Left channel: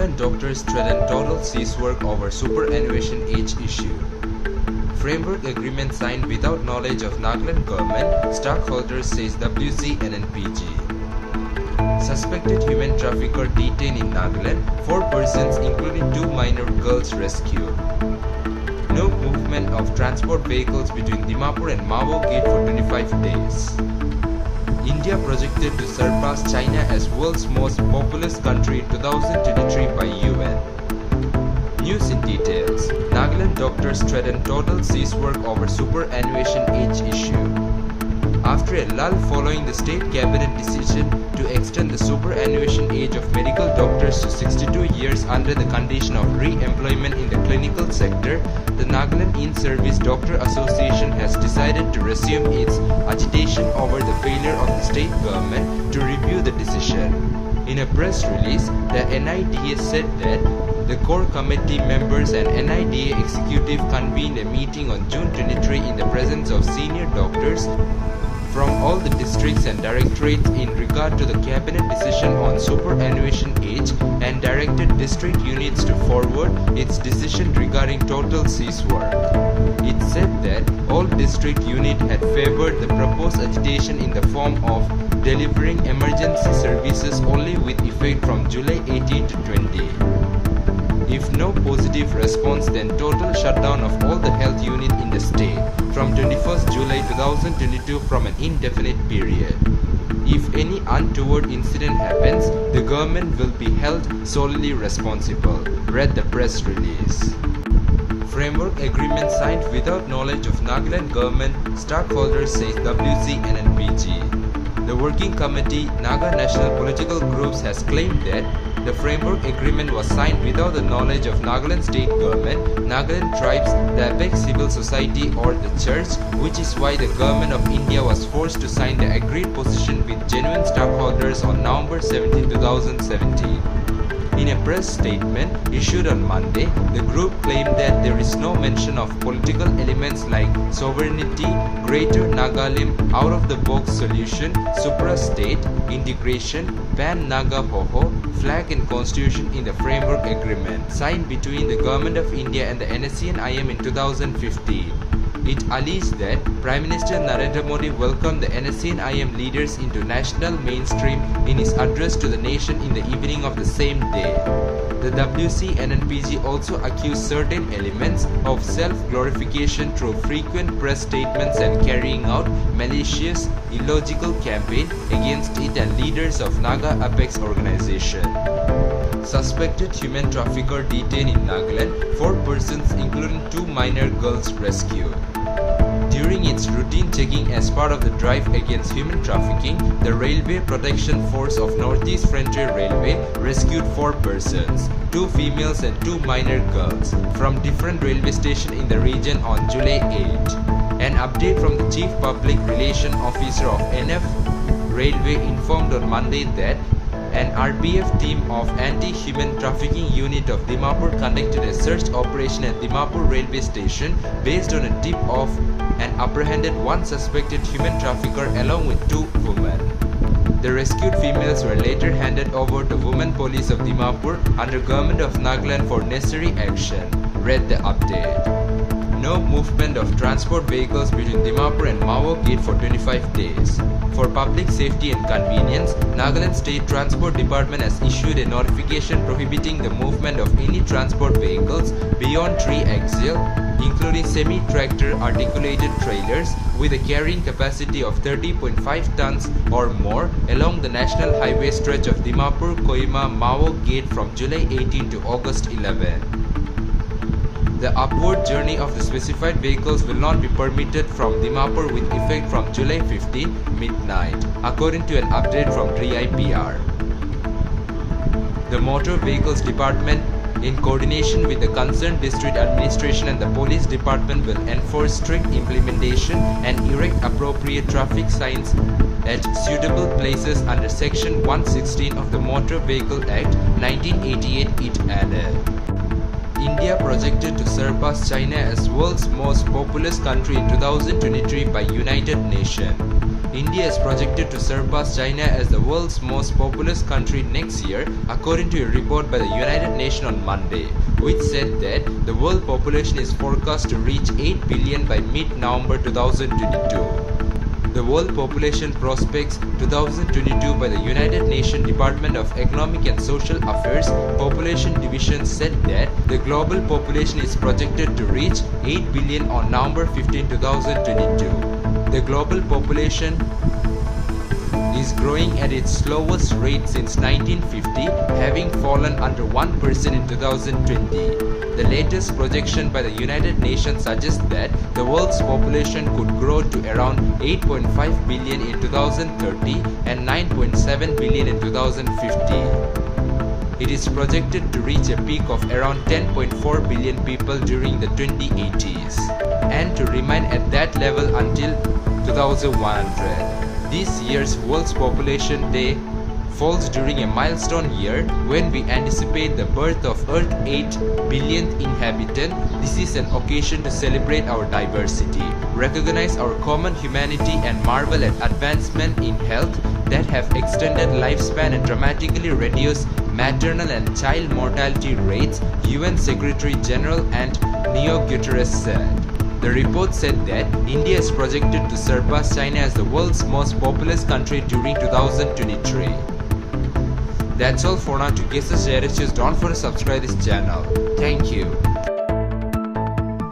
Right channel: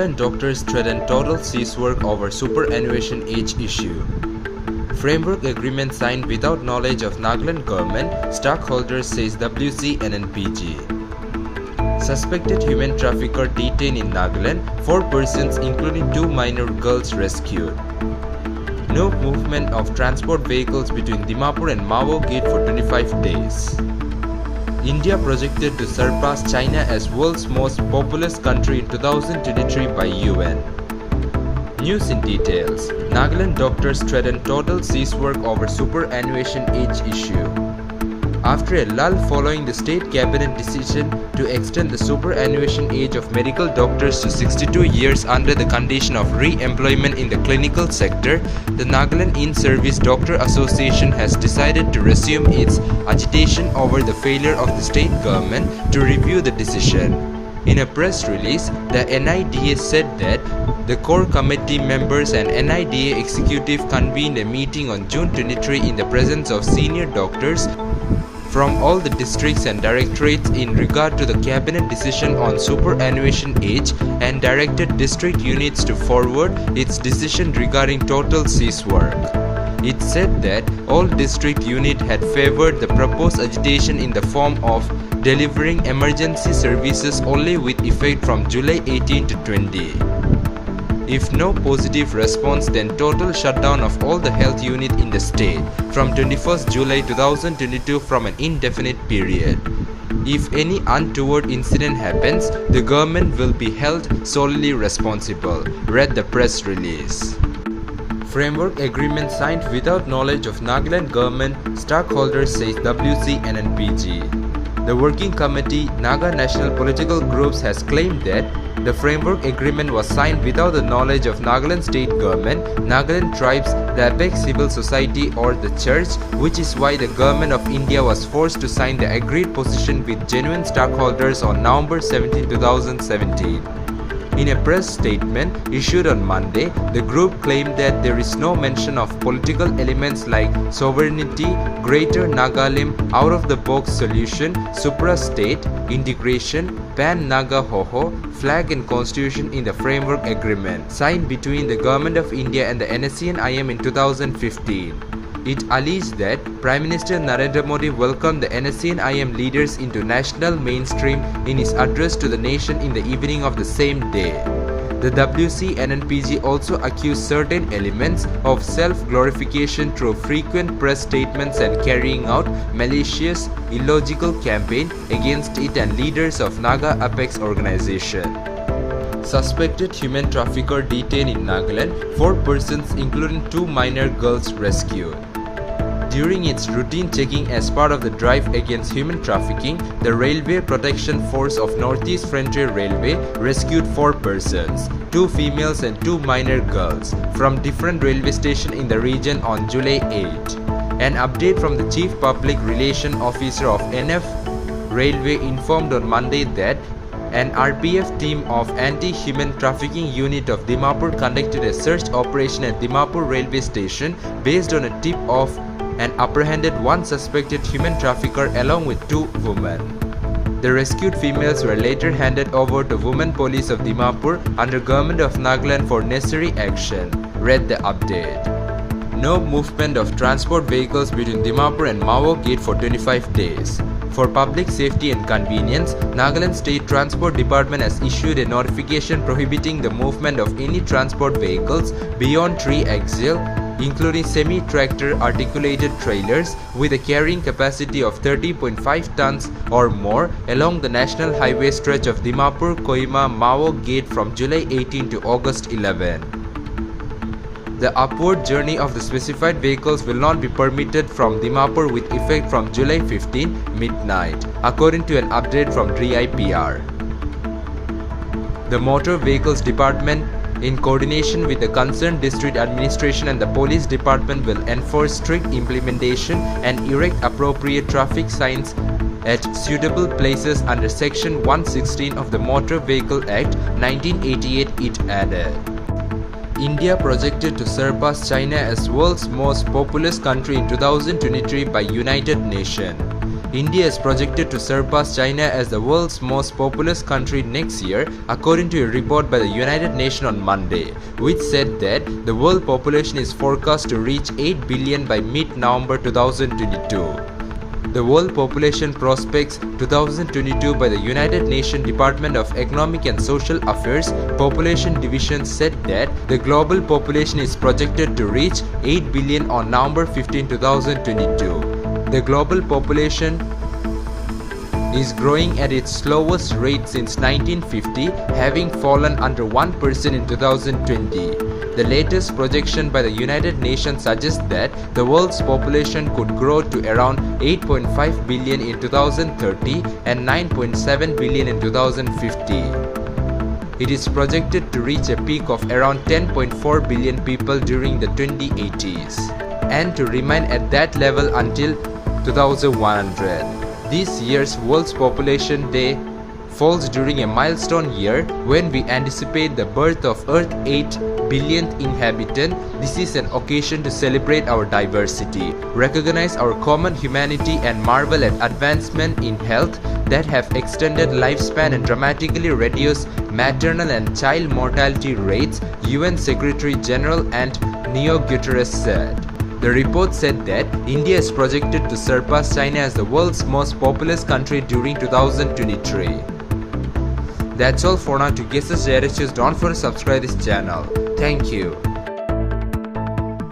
Nagaland doctors threaten total cease work over superannuation age issue. Framework agreement signed without knowledge of Nagaland government, stockholders says WCNNPG. Suspected human trafficker detained in Nagaland, 4 persons including 2 minor girls rescued. No movement of transport vehicles between Dimapur and Mao Gate for 25 days. India projected to surpass China as world's most populous country in 2023 by UN. News in details. Nagaland doctors threaten total cease work over superannuation age issue. After a lull following the state cabinet decision to extend the superannuation age of medical doctors to 62 years under the condition of re-employment in the clinical sector, the Nagaland In-Service Doctor Association has decided to resume its agitation over the failure of the state government to review the decision. In a press release, the NIDA said that the core committee members and NIDA executive convened a meeting on June 23 in the presence of senior doctors from all the districts and directorates in regard to the cabinet decision on superannuation age and directed district units to forward its decision regarding total cease work. It said that all district units had favored the proposed agitation in the form of delivering emergency services only with effect from July 18 to 20. If no positive response, then total shutdown of all the health units in the state from 21st July 2022 from an indefinite period. If any untoward incident happens, the government will be held solely responsible, read the press release. Framework agreement signed without knowledge of Nagaland government, stockholders says WCNNPG. The Working Committee, Naga National Political Groups has claimed that the framework agreement was signed without the knowledge of Nagaland state government, Nagaland tribes, the apex civil society or the church, which is why the government of India was forced to sign the agreed position with genuine stockholders on November 17, 2017. In a press statement issued on Monday, the group claimed that there is no mention of political elements like sovereignty, Greater Nagalim, out-of-the-box solution, supra-state, integration, pan-Naga Hoho, flag and constitution in the framework agreement signed between the Government of India and the NSCN-IM in 2015. It alleged that Prime Minister Narendra Modi welcomed the NSCN-IM leaders into national mainstream in his address to the nation in the evening of the same day. The WCNNPG also accused certain elements of self-glorification through frequent press statements and carrying out malicious, illogical campaign against it and leaders of Naga Apex organization. Suspected human trafficker detained in Nagaland, 4 persons including 2 minor girls rescued. During its routine checking as part of the drive against human trafficking, the Railway Protection Force of Northeast Frontier Railway rescued 4 persons, 2 females and 2 minor girls, from different railway stations in the region on July 8. An update from the Chief Public Relations Officer of NF Railway informed on Monday that an RPF team of Anti-Human Trafficking Unit of Dimapur conducted a search operation at Dimapur railway station based on a tip of and apprehended 1 suspected human trafficker along with 2 women. The rescued females were later handed over to Women Police of Dimapur under Government of Nagaland for necessary action, read the update. No movement of transport vehicles between Dimapur and Mao Gate for 25 days. For public safety and convenience, Nagaland State Transport Department has issued a notification prohibiting the movement of any transport vehicles beyond 3 axle, including semi-tractor articulated trailers with a carrying capacity of 30.5 tons or more along the national highway stretch of Dimapur-Kohima-Mao Gate from July 18 to August 11. The upward journey of the specified vehicles will not be permitted from Dimapur with effect from July 15 midnight, according to an update from DIPR. The Motor Vehicles Department, in coordination with the concerned district administration and the police department, will enforce strict implementation and erect appropriate traffic signs at suitable places under Section 116 of the Motor Vehicle Act 1988, it added. India projected to surpass China as world's most populous country in 2023 by United Nations. India is projected to surpass China as the world's most populous country next year, according to a report by the United Nations on Monday, which said that the world population is forecast to reach 8 billion by mid-November 2022. The World Population Prospects 2022 by the United Nations Department of Economic and Social Affairs Population Division said that the global population is projected to reach 8 billion on November 15, 2022. The global population is growing at its slowest rate since 1950, having fallen under 1% in 2020. The latest projection by the United Nations suggests that the world's population could grow to around 8.5 billion in 2030 and 9.7 billion in 2050. It is projected to reach a peak of around 10.4 billion people during the 2080s and to remain at that level until 2100. This year's World Population Day falls during a milestone year when we anticipate the birth of Earth's 8 billionth inhabitant. This is an occasion to celebrate our diversity, recognize our common humanity and marvel at advancements in health that have extended lifespan and dramatically reduced maternal and child mortality rates, UN Secretary General Antonio Guterres said. The report said that India is projected to surpass China as the world's most populous country during 2023. That's all for now. To get such direct news, don't forget to subscribe this channel. Thank you.